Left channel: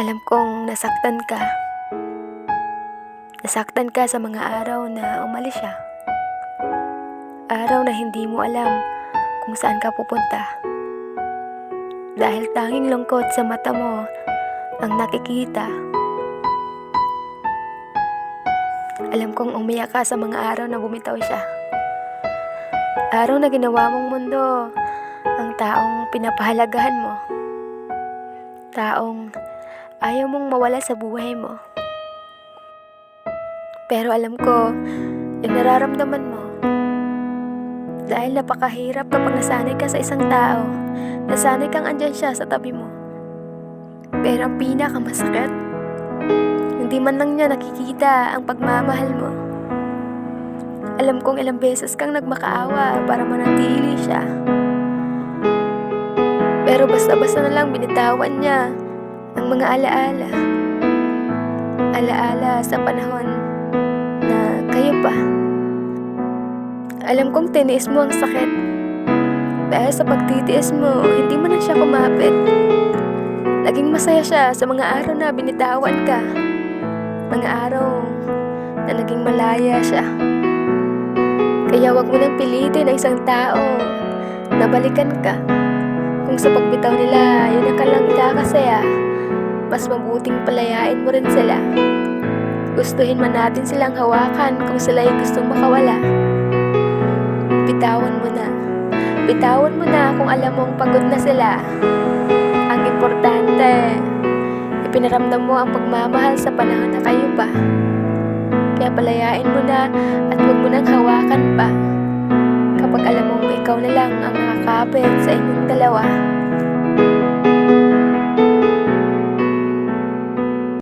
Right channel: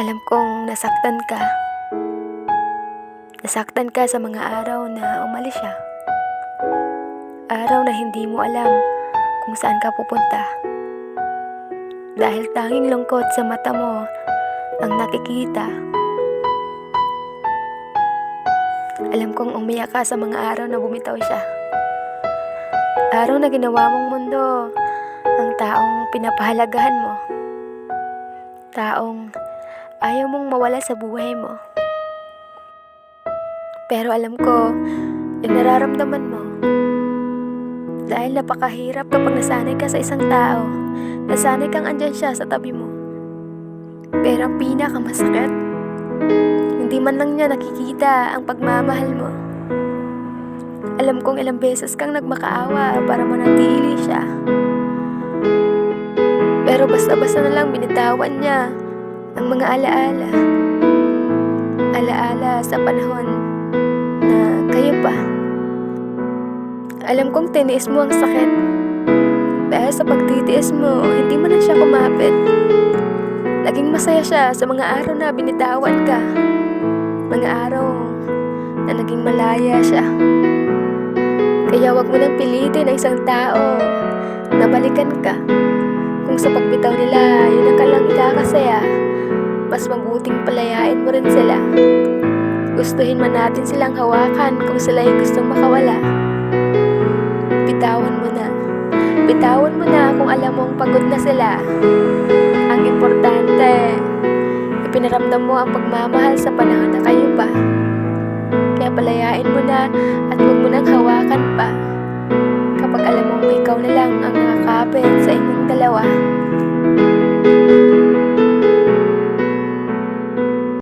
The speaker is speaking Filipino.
Alam kong nasaktan ka. Nasaktan ka sa mga araw na umalis siya. Araw na hindi mo alam kung saan ka pupunta. Dahil tanging lungkot sa mata mo ang nakikita. Alam kong umiyak ka sa mga araw na bumitaw siya. Araw na ginawa mong mundo ang taong pinapahalagahan mo. Taong ayaw mong mawala sa buhay mo. Pero alam ko, yung nararamdaman mo, dahil napakahirap kapag nasanay ka sa isang tao, nasanay kang andyan siya sa tabi mo. Pero ang pinakamasakit, hindi man lang niya nakikita ang pagmamahal mo. Alam kong ilang beses kang nagmakaawa para manatili siya. Pero basta-basta na lang binitawan niya ang mga alaala. Alaala sa panahon na kayo pa. Alam kong tiniis mo ang sakit. Dahil sa pagtitiis mo, hindi mo na siya kumapit. Naging masaya siya sa mga araw na binitawan ka. Mga araw na naging malaya siya. Kaya wag mo nang pilitin ang isang tao na balikan ka. Kung sa pagbitaw nila, yun ang kalang ikakasaya, mas mabuting palayain mo rin sila. Gustuhin man natin silang hawakan kung sila ay gustong makawala. Bitawan mo na. Bitawan mo na kung alam mong pagod na sila. Ang importante, ipinaramdam mo ang pagmamahal sa panahon na kayo pa. Kaya palayain mo na at huwag mo nang hawakan pa. Kapag alam mong ikaw na lang ang nakakapit sa inyong dalawa.